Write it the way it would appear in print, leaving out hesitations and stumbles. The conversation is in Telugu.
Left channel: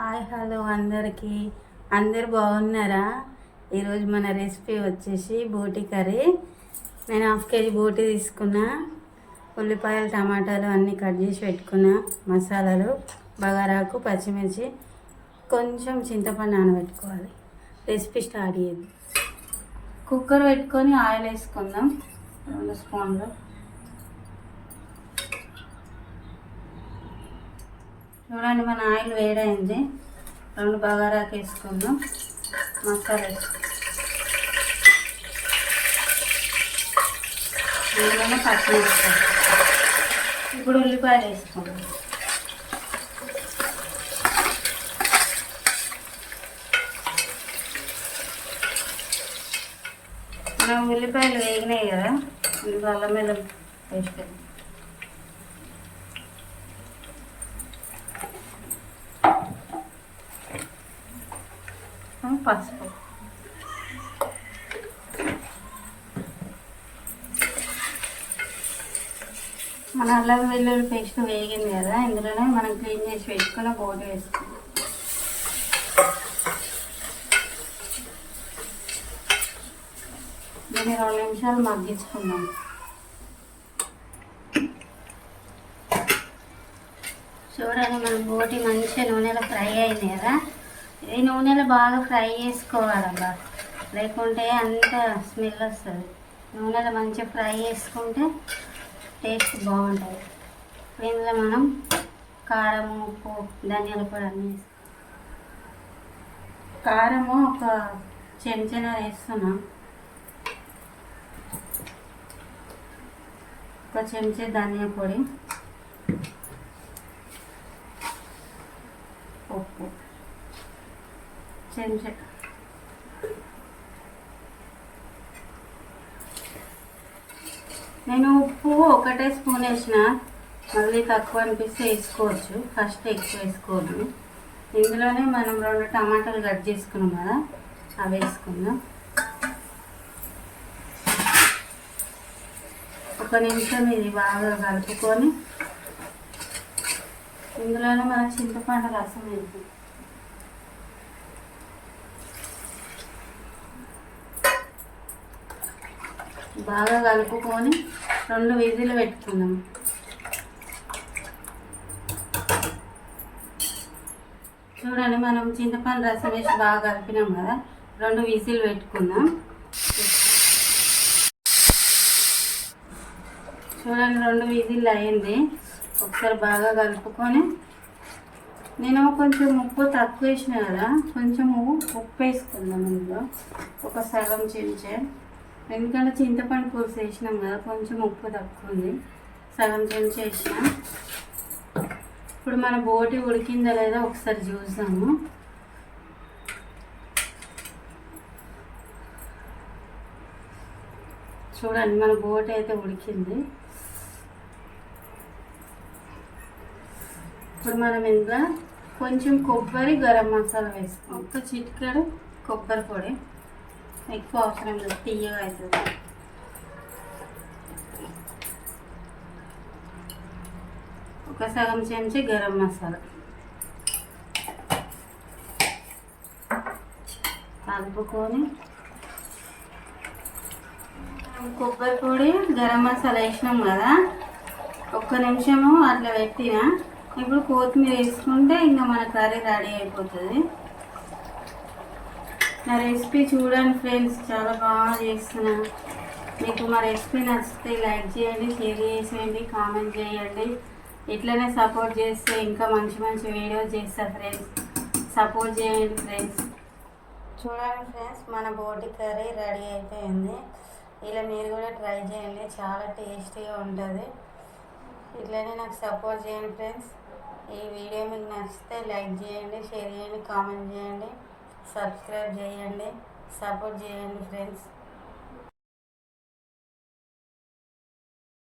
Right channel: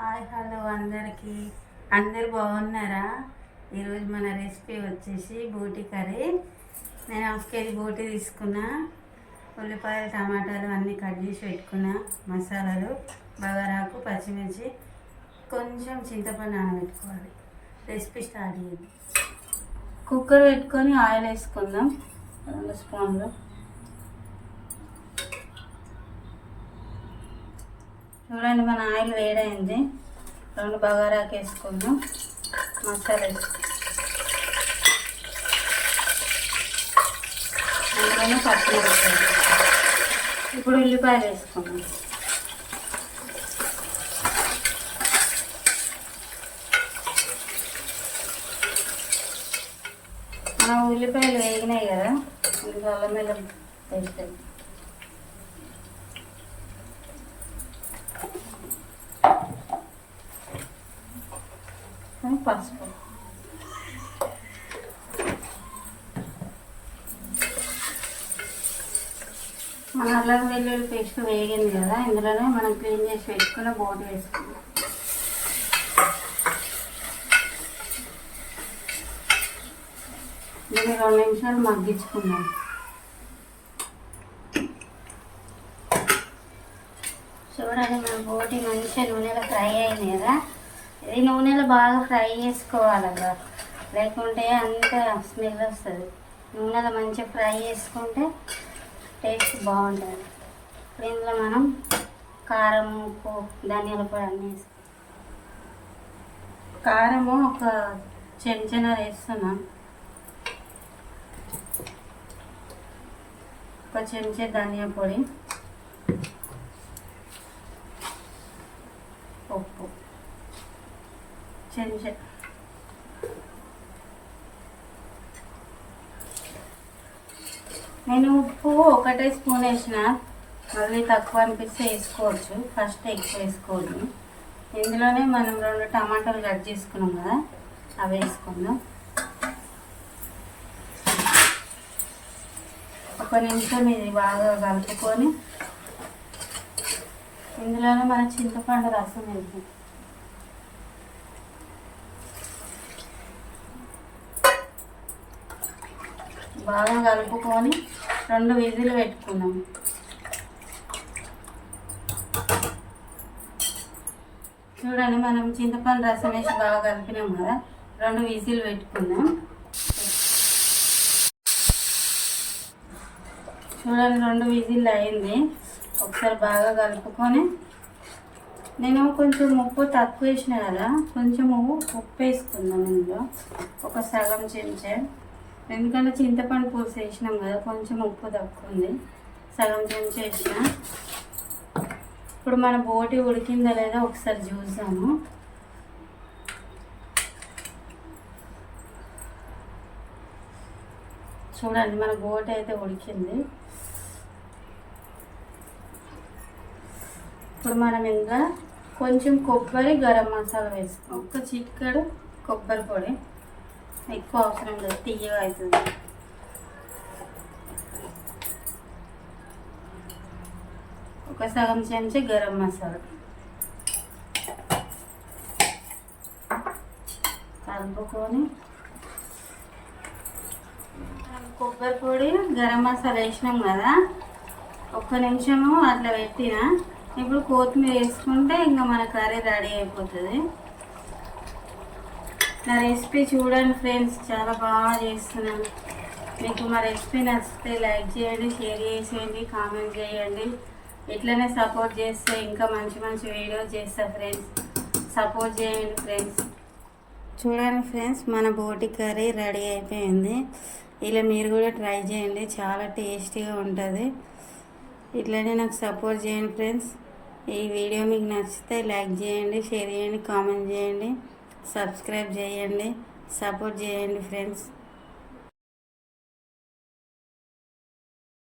హాయ్ హలో అందరికీ. అందరు బాగున్నారా? ఈరోజు మన రెసిపీ వచ్చేసి బోటి కర్రీ. నేను 1/2 కేజీ బోటి తీసుకున్నా, ఉల్లిపాయలు టమాటాలు అన్నీ కట్ చేసి పెట్టుకున్నా, మసాలాలు బగారాకు పచ్చిమిర్చి కొంచెం చింతపండు నానబెట్టుకోవాలి. రెసిపీ స్టార్ట్ చేద్దాం. కుక్కర్ పెట్టుకొని ఆయిల్ వేసుకుందాం 2 స్పూన్లు. చూడండి, మన ఆయిల్ వేడైంది. 2 బగారాకు వేసుకుందాం. మసాలా అందులోనే పచ్చిమిరపకాయలు. ఇప్పుడు ఉల్లిపాయలు వేసుకుంటాం. మన ఉల్లిపాయలు వేగినాయి కదా, ఇందులో అల్లం వెల్లుల్లి పేస్ట్, పసుపు, మన అల్లం వెల్లుల్లి పేస్ట్ వేగింది కదా, ఇందులోనే మనం క్లీన్ చేసి పెట్టుకున్న బోటి వేసుకుందాం. దీన్ని 2 నిమిషాలు మగ్గించుకుందాం. చూడండి, మన బోటి మంచిగా నూనెలో ఫ్రై అయింది కదా. ఇది నూనెలో బాగా ఫ్రై చేసుకోవాలబ్బా, లేకుంటే అంత స్మెల్ వస్తుంది. నూనెలో మంచిగా ఫ్రై చేసుకుంటే టేస్ట్ బాగుంటుంది. ఇందులో మనం కారం, ఉప్పు, ధనియాల పొడి అన్నీ వేస్తాం. కారము ఒక చెంచా వేస్తున్నాం, ఒక చెంచా ధనియా పొడి, ఉప్పు చెంచా, నేను ఉప్పు 1 స్పూన్ వేసిన, మళ్ళీ తక్కువ అనిపిస్తే వేసుకోవచ్చు. ఫస్ట్ ఎక్కువ వేసుకోవద్దు. ఇందులోనే మనం 2 టమాటాలు కట్ చేసుకున్నాం కదా, అవి వేసుకుందాం. 1 నిమిషం ఇది బాగా కలుపుకొని ఇందులోనే మన చింతపండు రసం వేద్దాం. బాగా కలుపుకొని 2 విజిల్ పెట్టుకుందాం. చూడండి, మనం చింతపండు రసం వేసి బాగా కలిపినాం కదా, 2 విజిల్ పెట్టుకుందాం. చూడండి, 2 విజిల్ అయింది. ఒకసారి బాగా కలుపుకొని, నేను కొంచెం ఉప్పు తక్కువ వేసిన కదా, కొంచెం ఉప్పు వేసుకుందాం. ఇందులో ఒక సగం చెంచా, ఎందుకంటే చింతపండు పులుసు వేసినాం కదా, కొంచెం ఉప్పు తక్కువ ఉంది. సగం చెంచా వేసిన. ఇప్పుడు మన బోటి ఉడికిందా లేదా ఒకసారి చూసాము. చూడండి, మన బోటి అయితే ఉడికింది. ఇప్పుడు మనం ఇందులో కొంచెం కొబ్బరి, గరం మసాలా వేసుకోం. ఒక చిటికెడు కొబ్బరి పొడి, ఎక్కువ అవసరం లేదు, తీయగా అవుతుంది. ఒక సగం చెంచా గరం మసాలా కలుపుకొని, మనం కొబ్బరి పొడి, గరం మసాలా వేసినాం కదా, 1 నిమిషము అట్లా పెట్టిన. ఇప్పుడు కొత్తిమీర వేసుకుంటే ఇంకా మన కర్రీ రెడీ అయిపోతుంది. నా రెసిపీ చూడండి ఫ్రెండ్స్, చాలా బాగా చేస్తున్నాను. మీకు మా రెసిపీ నచ్చితే లైక్ చేయండి, షేర్ చేసేయండి, కామెంట్ చేయండి. ఇట్లనే సపోర్ట్ చేస్తే ఇంకా మంచి మంచి వీడియోస్ చేస్తా ఫ్రెండ్స్. సపోర్ట్ చేయండి ఫ్రెండ్స్. చూడండి ఫ్రెండ్స్, మన బోటి కర్రీ రెడీ అయిపోయింది. ఇలా మీరు కూడా ట్రై చేయండి, చాలా టేస్టీగా ఉంటుంది. ఇట్లనే నాకు సపోర్ట్ చేయండి ఫ్రెండ్స్. ఈ వీడియో మీకు నచ్చితే లైక్ చేయండి, షేర్ చేయండి, కామెంట్ చేయండి, సబ్స్క్రైబ్ చేయండి, సపోర్ట్ చేయండి ఫ్రెండ్స్.